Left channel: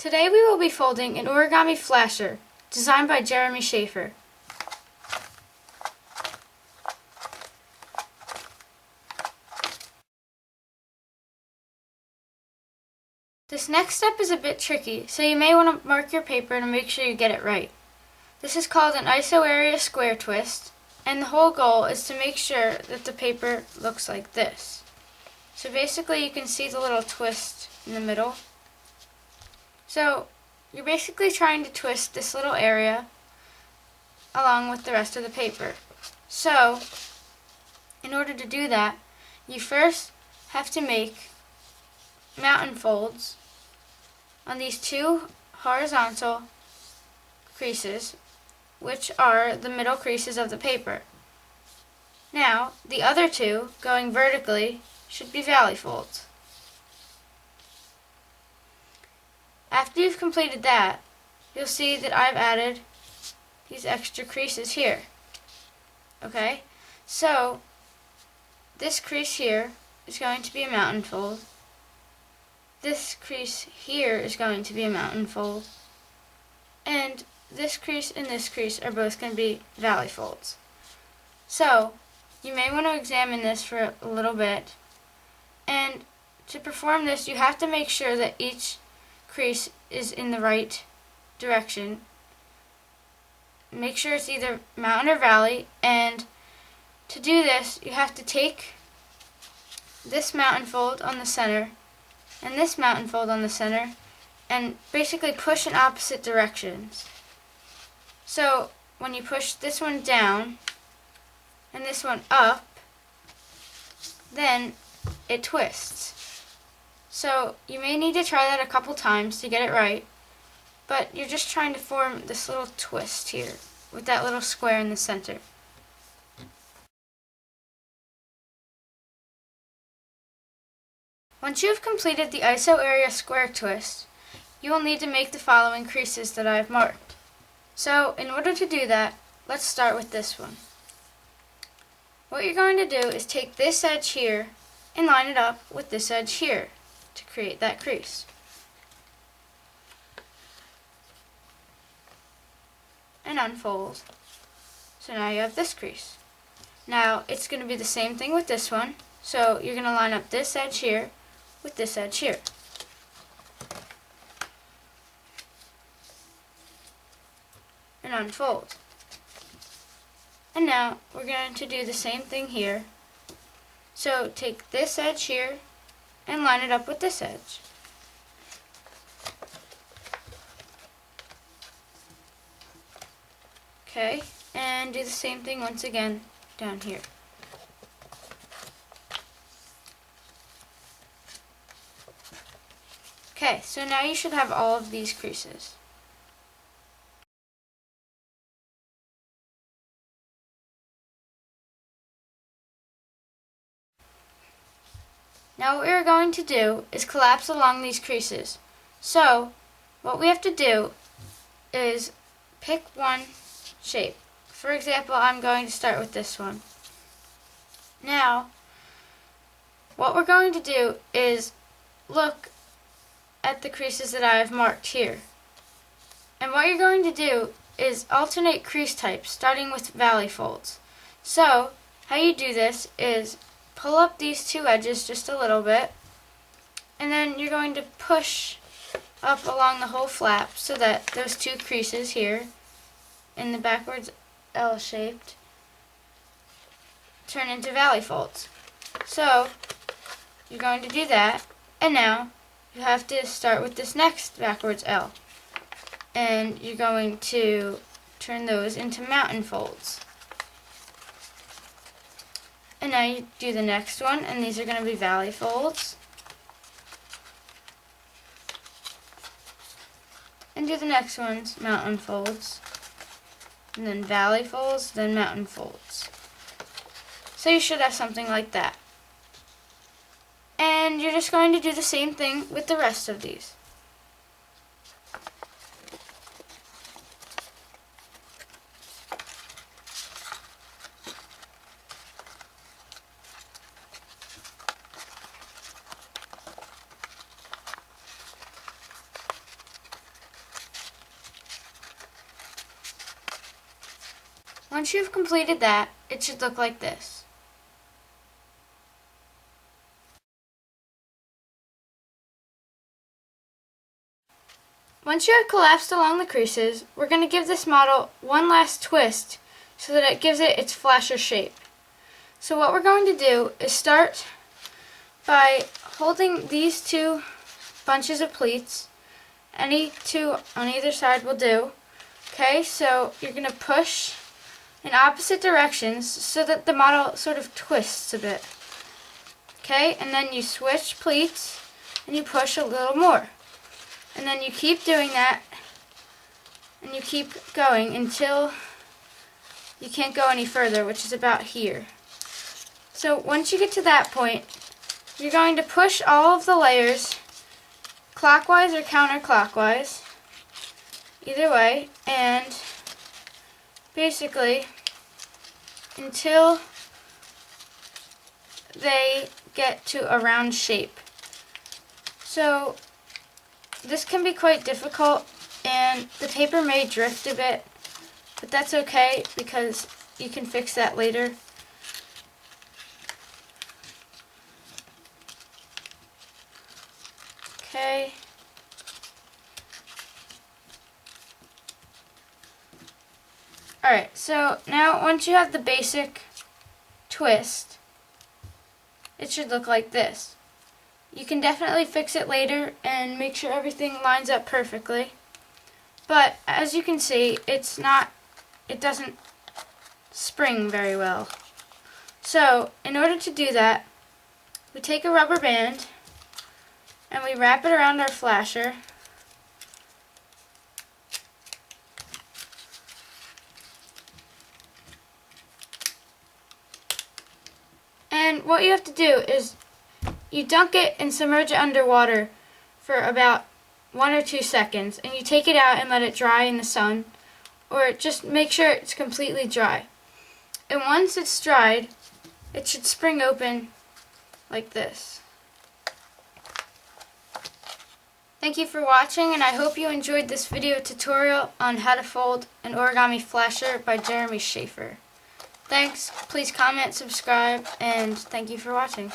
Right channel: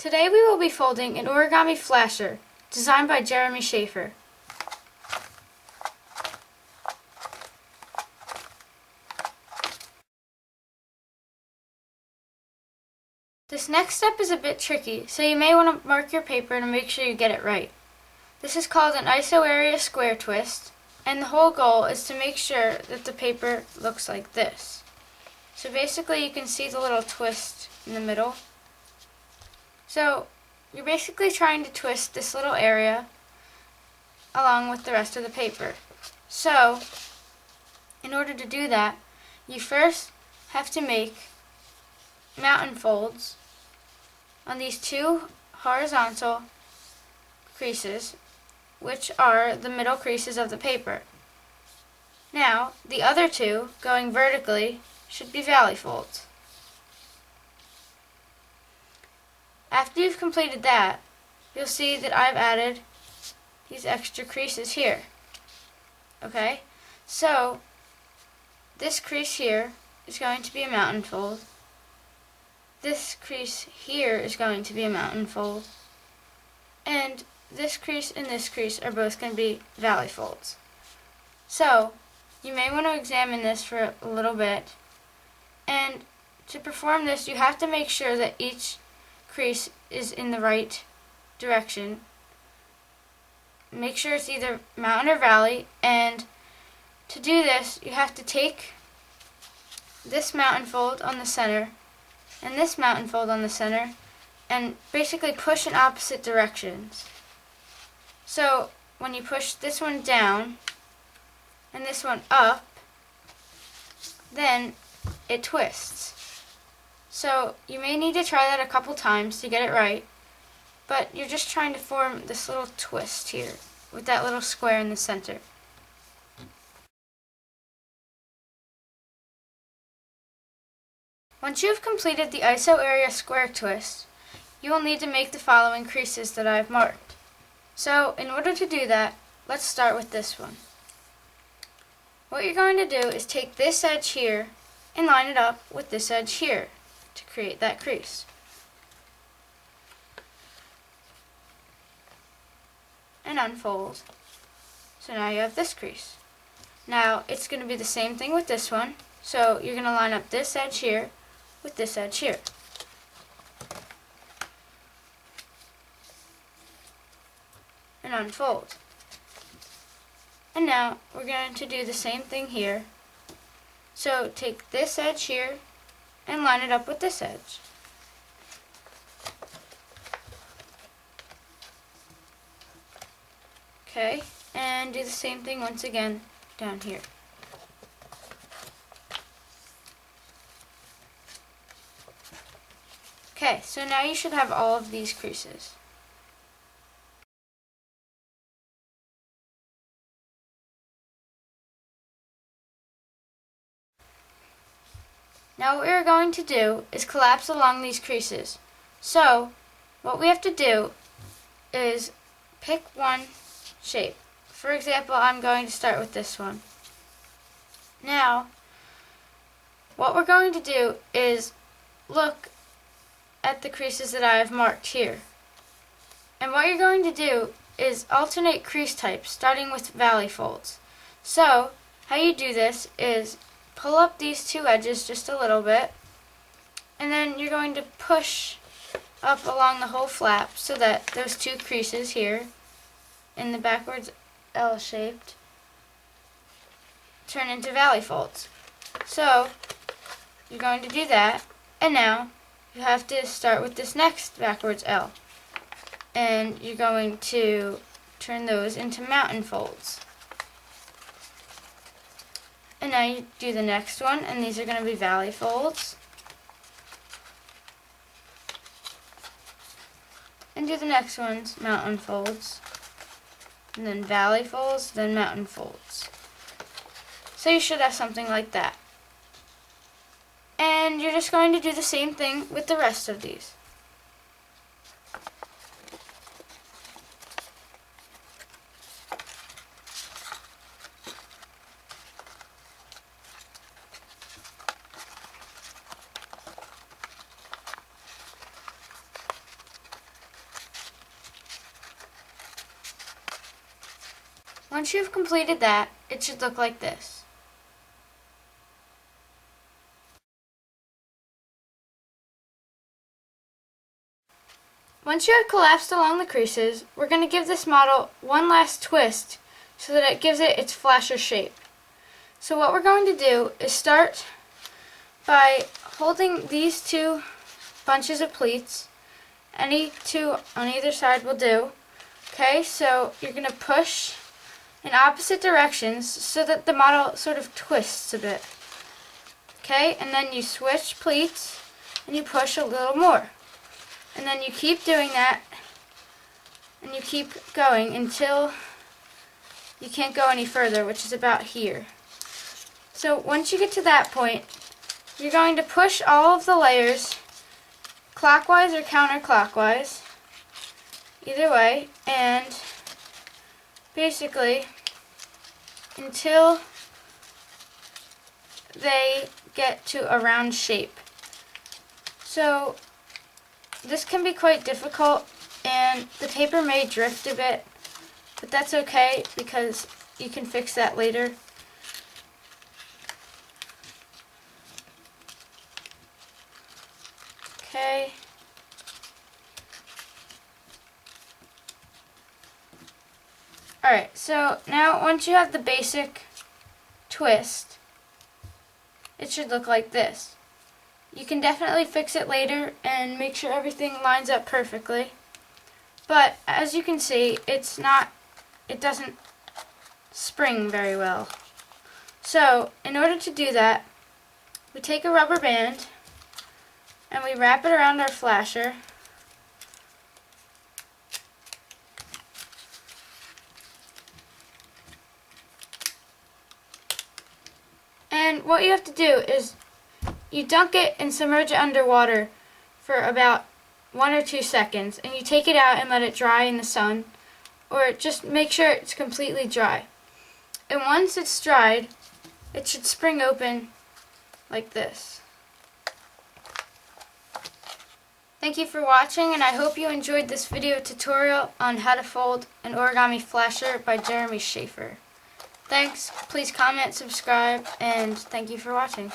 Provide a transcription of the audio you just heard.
Today we will be folding an origami flasher designed by Jeremy Shafer. This next step is a bit tricky, so you may want to mark your paper to make sure you get it right. This is called an iso area square twist, and the whole goal is to make sure that the paper looks like this. So basically you can see the little twist in the middle. So you're basically trying to twist this little area along with the rest of the paper. So in order to do that, you first have to make mountain folds on these two horizontal creases, which are the middle creases of the paper. Now, the other two, going vertically, should be valley folds. After you've completed that, you'll see that I've added these extra creases here. Okay? So, this crease here is going to be a mountain fold. This crease here is going to be a mountain fold. And this crease and this crease are both going to be valley folds. So, you may want to examine this for a little bit. And to perform this, you have to make sure that each crease is in the right direction. Make sure it's either mountain or valley, and to do this you have to take this mountain fold on the center and this mountain fold on the center and basically push in opposite directions. So when you push this one down and this one up, then it twists. So you may need to try that a couple times to get it right, but you're just trying to form this little twist here with that little square in the center. Once you have completed the iso area square twist, you will need to make the following creases that I have marked. So in order to do that, let's start with this one. What you're going to do is take this edge here and line it up with this edge here to create that crease. And unfold. So now you have this crease. Now it's going to be the same thing with this one. So you're going to line up this edge here with this edge here. And unfold. And now we're going to do the same thing here. So take this edge here and line it up with this edge. Okay, and do the same thing once again down here. Okay, so now you should have all of these creases. Now what we're going to do is collapse along these creases. So what we have to do is pick one shape. For example, I'm going to start with this one. Now, what we're going to do is look at the creases that I have marked here. And what you're going to do is alternate crease types, starting with valley folds. So, how you do this is pull up these two edges just a little bit, and then you're going to push up along the whole flap so that those two creases here in the backwards L-shaped turn into valley folds. So you're going to do that, and now you have to start with this next backwards L, and you're going to turn those into mountain folds. And now you do the next one, and these are going to be valley folds. And do the next ones, mountain folds. And then valley folds, then mountain folds. So you should have something like that. And you're just going to do the same thing with the rest of these. Once you've completed that, it should look like this. Once you have collapsed along the creases, we're going to give this model one last twist so that it gives it its flasher shape. So what we're going to do is start by holding these two bunches of pleats. Any two on either side will do. Okay, so you're going to push in opposite directions so that the model sort of twists a bit. Okay, and then you switch pleats and you push a little more. And then you keep doing that and you keep going until you can't go any further, which is about here. So once you get to that point, you're going to push all of the layers clockwise or counterclockwise, either way, and basically until they get to a round shape. So this can be quite difficult and the paper may drift a bit, but that's okay because you can fix that later. Okay. Alright, so now once you have the basic twist, it should look like this. You can definitely fix it later and make sure everything lines up perfectly. But as you can see, it doesn't spring very well. So in order to do that, we take a rubber band and we wrap it around our flasher. And what you have to do is you dunk it and submerge it underwater for about 1 or 2 seconds, and you take it out and let it dry in the sun, or just make sure it's completely dry. And once it's dried, it should spring open like this. Thank you for watching, and I hope you enjoyed this video tutorial on how to fold an origami flasher by Jeremy Shafer. Thanks, please comment, subscribe, and thank you for watching.